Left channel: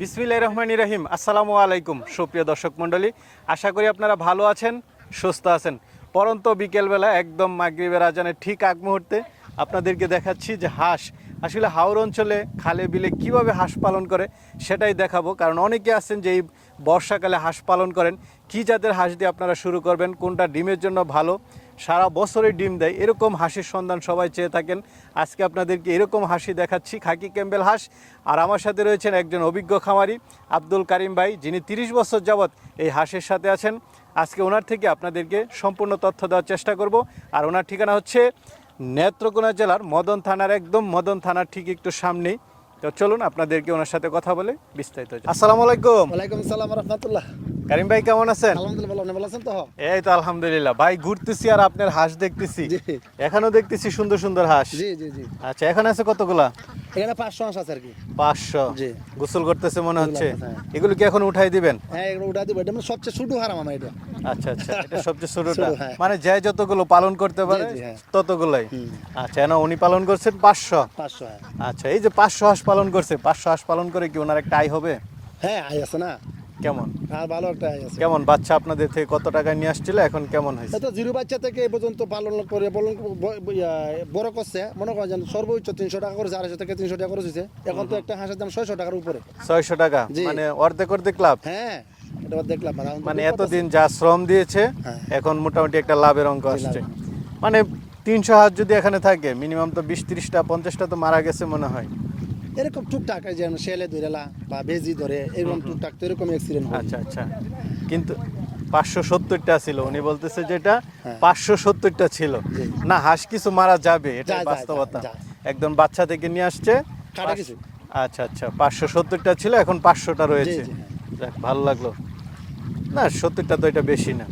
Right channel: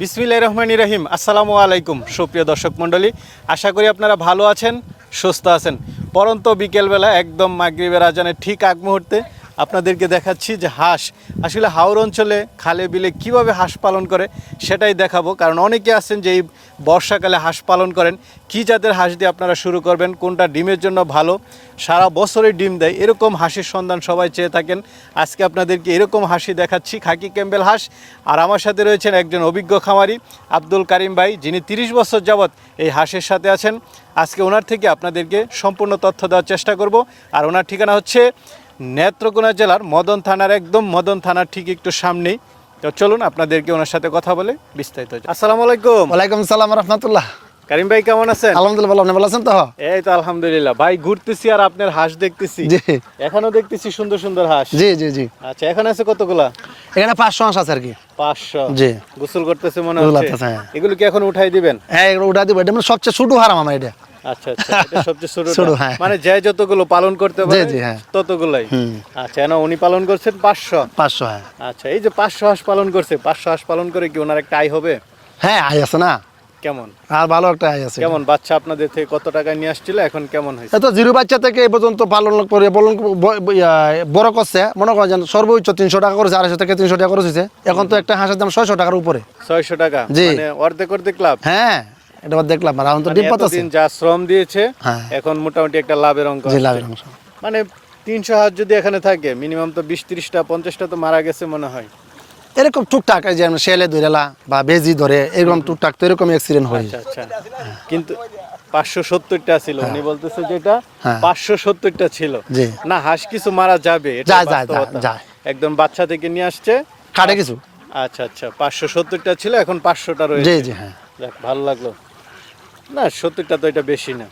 বিসমিল্লাহ রহমান রহিম। আসসালামু আলাইকুম, সুপ্রিয় দর্শক মণ্ডলী। আশা করি আপনারা ভালো আছেন, সুস্থ আছেন। পরন্ত বিকেলবেলা একদম মাগরিবের আজানের ঠিক আগ মুহূর্তে আপনাদেরকে দেখাচ্ছি যে হাঁস, আসলে হাওর অঞ্চলে খালে বিলে কীভাবে হাঁস পালন করে সেটাই দেখাবো। কারণ অনেকে আছেন যে এই বর্ষাকালে হাঁস পালন করেন। কি জাতের হাঁস দিয়ে আপনারা শুরু করবেন? কোনটা ডিমের জন্য ভালো? সারা বছরই ডিম দেয়। এরকম হাঁসের সন্ধান সবাই চেয়ে থাকেন। আজকে আপনাদেরকে এরকম হাসি দেখাচ্ছি। খাকি ক্যাম্বেল হাঁস। আর আমার সাথে রয়েছেন একজন অভিজ্ঞ খামারি, আব্দুল কারিম ভাই, যিনি তিরিশ বছর যাবৎ এই হাঁসের সাথে আছেন। আজকে ওনার থেকে আপনাদেরকে সম্পূর্ণ তথ্য দেওয়ার চেষ্টা করব। আর ওনার ঠিকানা হচ্ছে নেত্রকোনা জেলার মদন থানার একদম মদন থানার ঠিক একটু সামনেই। তো চলুন আপনাদেরকে ওনার সাথে কথা বলে বিস্তারিত। আসসালামু আলাইকুম। ওয়ালাইকুম সালাম রহমতুল্লাহ। কারিম ভাই কেমন আছেন? আলহামদুলিল্লাহ ভালো। আপনি ভালো আছেন তো? এই তো আলহামদুলিল্লাহ। ভাই ঘুরতেছি আর আপনার হাঁস দেখতেছি। জি। এখনও দেখতেছি সুন্দর সুন্দর হাঁস। জি জি জি। আচ্ছা এখন আছে কতগুলা? এখানে পাঁচশো হাঁস আছে আর কি। পাঁচশো। জি। গোসল করতেছে মনে হচ্ছে। হ্যাঁ। এগুলো কি এখন উঠাই দিবেন? হ্যাঁ এগুলো উঠা দিব। এটা মানে সবচেয়ে ছোট হারাম আমার এটা। আচ্ছা আচ্ছা সবচেয়ে ছোট, হ্যাঁ। মানে যে যতগুলো পালন করতে পারে জি, হ্যাঁ। ততগুলাই। আচ্ছা না উনি পালন করছেন পাঁচশো? পাঁচশো হ্যাঁ। আচ্ছা এই যে পাঁচশো হাঁস পালন করছে পাঁচশো হাঁস পালন করে কি ওনার একটা আয় হবে? হ্যাঁ আয় আছে না। কেমন? আর ভালো একটা আয় আছে। কেমন? বাচ্চা আপনাদের থেকে কত টাকায় নিয়ে আসছিল এখন কেমন হয়েছে? এত জিরো বাচ্চা থেকে এই পর্যন্ত পালন করে পালন বড় করছে মনে করেন সর্বোচ্চ তিনশো টাকা করেছে আড়াইশো থেকে তিনশো টাকা করেছে এখন তো একটা হাঁসের দাম ছয়শো টাকার উপরে। ছয়শো টাকা? জি। মানে অর্ধেক অর্ধেক লাভ? হ্যাঁ। এটা দেখলাম আর এখন তো মানে ডিম পাতাছে যা শ্রম দিয়েছে হ্যাঁ। এখন মোটামুটি একটা লাভের অঙ্ক জি আসছে। লাভের অংশ। মানে তিনশো হাজার যদি এখানে থাকে মিনিমাম তো বিশ তিরিশটা পঞ্চাশটা তো মারা গেছে মনে হয়। এরকম টুকটাক যে আমরা শেলে ধরেলা বা বেজি ধরে এরকম টুকটাক তো এরকম অ্যাক্সিডেন্ট হয় আচ্ছা আচ্ছা। কিন্তু পাঁচশো সত্তরটা ছিল উনি বলতেছে যেটা হ্যাঁ। পাঁচশো সত্তরটা ছিল। না হাঁস কিছু মারা যাবে। একদম বাচ্চা থেকে নিয়ে আসছে। কাটে কিছু। আচ্ছা আচ্ছা পাঁচশো সত্তরটা ছিল এখন পাঁচশোটা রয়েছে। জি জি হ্যাঁ। যাক, ভালো লাগল। না সত্তরটা তো এটা বেশি না।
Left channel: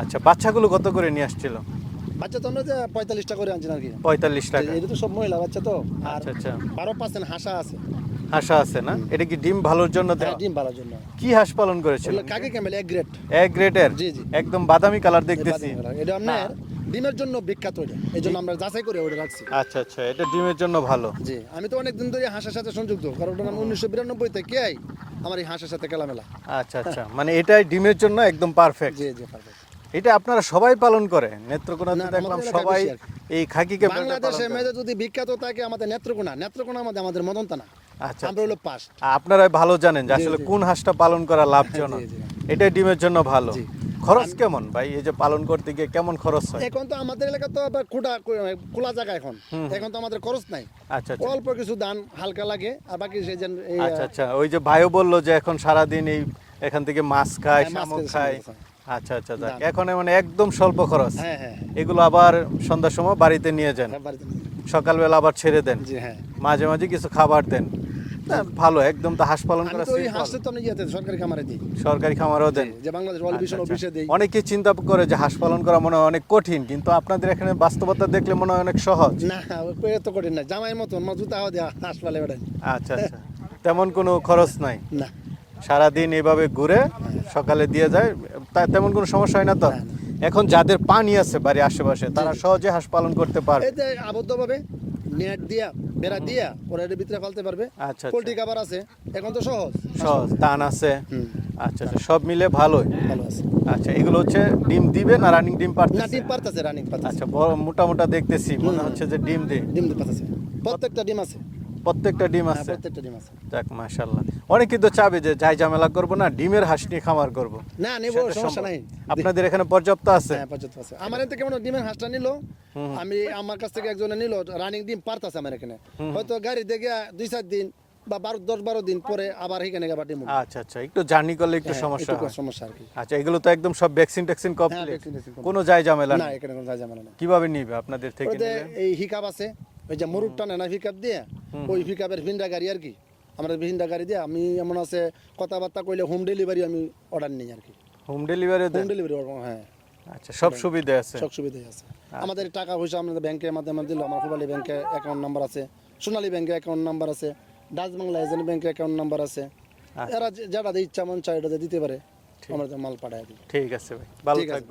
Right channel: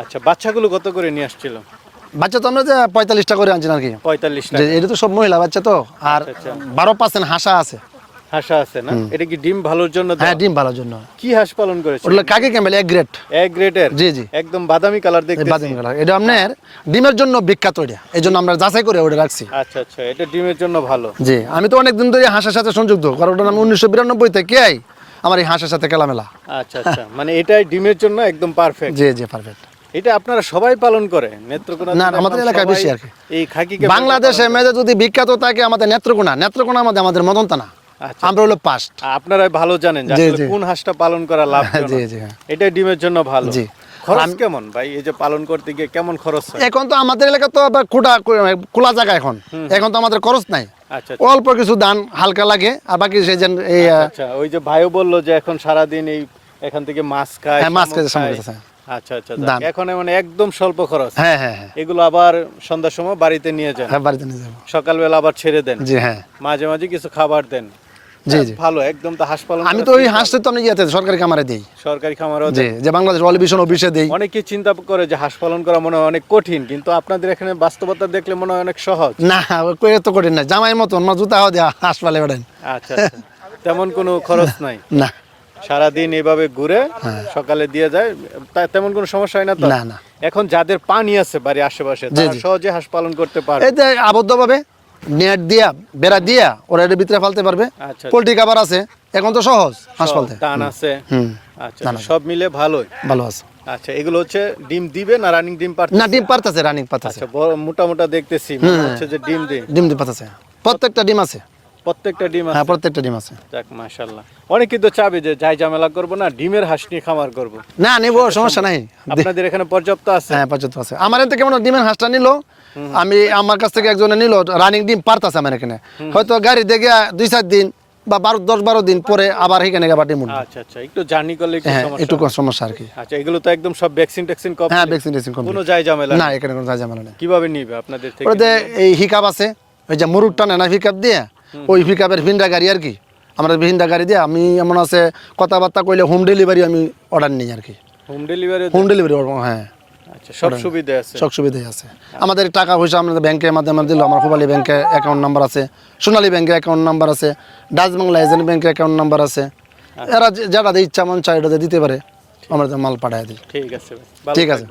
আচ্ছা বাচ্চাগুলো কত করে নিয়ে আসছিল? বাচ্চা তো আমরা যে পঁয়তাল্লিশটা করে আনছি আর কি। পঁয়তাল্লিশ এটা তো সব মহিলা বাচ্চা তো আর আচ্ছা, বারো পার্সেন্ট হাঁসা আছে। হাঁসা আছে না? এটা কি ডিম ভালোর জন্য হ্যাঁ ডিম ভালোর জন্য। কি হাঁস পালন করেছে? কাকে ক্যামেল এক গ্রেড এক গ্রেডের জি, জি। একদম বাদামি কালার দেখতেছি। বাদামি কালার। এটা আপনার ডিমের জন্য বিখ্যাত এটা। এই জন্য আমরা যাচাই করে ওটা রাখছি। আচ্ছা আচ্ছা। এটা ডিমের জন্য ভালো। জি আমি তো অনেক দিন ধরে হাঁসের সাথে সংযুক্ত কারণ ওটা আমি উনিশশো বিরানব্বই থেকে আই। আমার এই হাঁসের সাথে খেলামেলা। আচ্ছা আচ্ছা। মানে এটাই ডিমের জন্য একদম পারফেক্ট জি জি পারফেক্ট এটা আপনারা সবাই পালন করে নেত্রকোনা না, আমাদের এলাকায় বেশি আর এই বাংলাদেশে মেয়েদের যদি বিখ্যাত থাকে আমাদের নেত্রকোনা নেত্রকোনা আমাদের আমাদের মদনতানা। আচ্ছা। আমরা হলো পাস্ট। আপনারা ভালো জানেন। কোন হাঁসটা পালন করা লাভ জি, জি। এটা ডিমের জন্য ভালো। জি। খরচ কেমন? ভাই এই যে পালন করতে গিয়ে কেমন খরচ এখন তো আমাদের এলাকা তো আবার খোটা খোলা জায়গা এখন। এখন তো আমাদের খরচ নাই। আচ্ছা অল্প কিছু ধান হালকা লাগে আর বাকি সেই যে এই আচ্ছা, আচ্ছা। ওই যে ভাইও বলল যে এখন সারাদিন এই এখান থেকে মাছ খায় হ্যাঁ, মাছ খায়। আচ্ছা আচ্ছা এখন মানে একদম স্বল্প খরচ। হ্যাঁ হ্যাঁ হ্যাঁ। এগুলো আবার সন্ধ্যার সময় বাড়িতে নিয়ে যান। হ্যাঁ বাড়িতে নিয়ে যাব সকালবেলা আবার ছেড়ে দেন। জি হ্যাঁ। মাঝে মাঝে কিছু খাবার দেন। জি, যাক, জি। ভালো একদম তো হাঁস পালন আমি তো ওই হাঁসটা তো আমি ইয়েতে সরকারি দিই। সরকারি খামারও জি যে বাংলাদেশ অলিভিশন অফিসে দিই। অনেকে চিন্তা করে যে হাঁস পালন করা মনে হয় অনেক কঠিন কিন্তু আপনাদের এখানে বাস্তবতা দেখলে মনে হয় অনেক সহজ। না কই এত কঠিন না মতন জুতা দেওয়া হাঁস পালে বেড়েন আচ্ছা আচ্ছা। তেমন কোনো খরচ নাই। না। সারাদিন এভাবে ঘুরে সকালে দিয়ে যায় তা তেমন কোনো সমস্যা হয় না তো? না, না। এখন যাদের পানি আছে বাড়ির আশেপাশে তারা সহজে হাঁস পালন করতে পারে। যে আবদ্ধভাবে নেট দিয়া বেড়া দিয়া ওরা এর ভিতরে ফালতে পারবে। পোলট্রি পোল্ট্রি খাবার আছে এখন তো সহজ হাঁস পালতে। দান আছে। আচ্ছা সব মিলে ভালোই। ভালো আছে। আচ্ছা এগুলো হচ্ছে ডিম দিবে না রানিং ডিম পারতেছে? না ডিম পারতেছে রানিং পারতেছে। আচ্ছা বড় মোটা মোটা দেখতেছি হচ্ছে যে ডিম দে ডিম দে পারতেছে। প্রত্যেকটা ডিম আছে। প্রত্যেকটা ডিম হ্যাঁ প্রত্যেকটা ডিম আছে। যাক মাশাআল্লাহ। অনেকে তো চাবে যে যাই ঝামেলা করব না ডিমের হাঁস নিয়ে খামার করব। না নেব সমস্যা নাই। আপনাদের এখানে পর্যাপ্ত আছে? হ্যাঁ পর্যন্ত আছে। আমার এতে কেমন ডিমের হাঁসটা নিল আমি আমার কাছ থেকে একজনে নিল রানিং ডিম পারতাছে আমার এখানে। হয়তো গাড়ি দেখে দুই চার দিন বা বারো দশ বারো দিন পরে আবার এখানে আচ্ছা আচ্ছা একটু জার্নি করলে একটু হ্যাঁ সমস্যা একটু সমস্যা আর কি। আচ্ছা এগুলো তো একদম সব ভ্যাকসিন ট্যাকসিন কম হ্যাঁ ভ্যাকসিন ভ্যাকসিন কম কোনো যাই ঝামেলা না এখানে কোনো ঝামেলা নেই। কীভাবে নিবে আপনাদের থেকে? এই হিকাপ আছে ওই যে মুরুট টানে না হিকাপ দিয়ে? ওই হিকাপের ভিন্ডা গাড়ি আর কি। আমরা ভিন্ডা গাড়ি দিয়ে আমি এমন আছে কথাবার্তা কইলে হোম ডেলিভারি আমি অর্ডার নিই আর কি। হোম ডেলিভারি হোম ডেলিভারি হ্যাঁ। আচ্ছা সব সুবিধা আছে। সব সুবিধাই আছে। আমাদের টাকা পয়সা আমাদের ব্যাংকের মাধ্যমে দিল আমার খুবালি ব্যাংকে অ্যাকাউন্ট নাম্বার আছে সোনালী ব্যাংকে অ্যাকাউন্ট নাম্বার আছে ডাচ বাংলা এজেন্ট ব্যাংকে অ্যাকাউন্ট নাম্বার আছে। এরা যারা ইচ্ছা মন দিয়ে দিতে পারে আমরা মাল পাঠায় দিই। ঠিক আছে ঠিক আছে।